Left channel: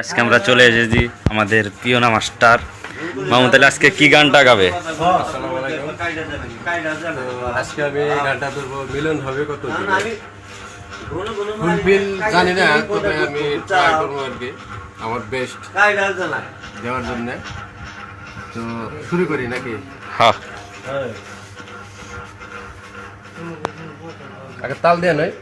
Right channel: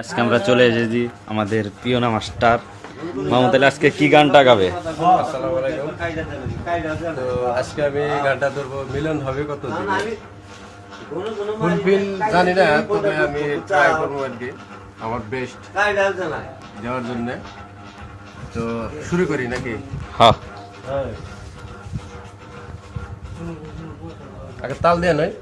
আজকে আমরা চলে এসেছি আমাদের পিওনা মাস্টার মাহমুদ আলী আজকে কি গানটা গাবে? আসসালামু আলাইকুম। তো আজকে আমি গানটা ধরবো মিলন হবে কত দূরে। ফুলফিল জানি না, তবে আমি ট্রাই করবো আর কি আমার বেস্ট দেওয়ার জন্য। তো শুরু করি নাকি? হ্যাঁ, আগে তাল দিয়ে নয়।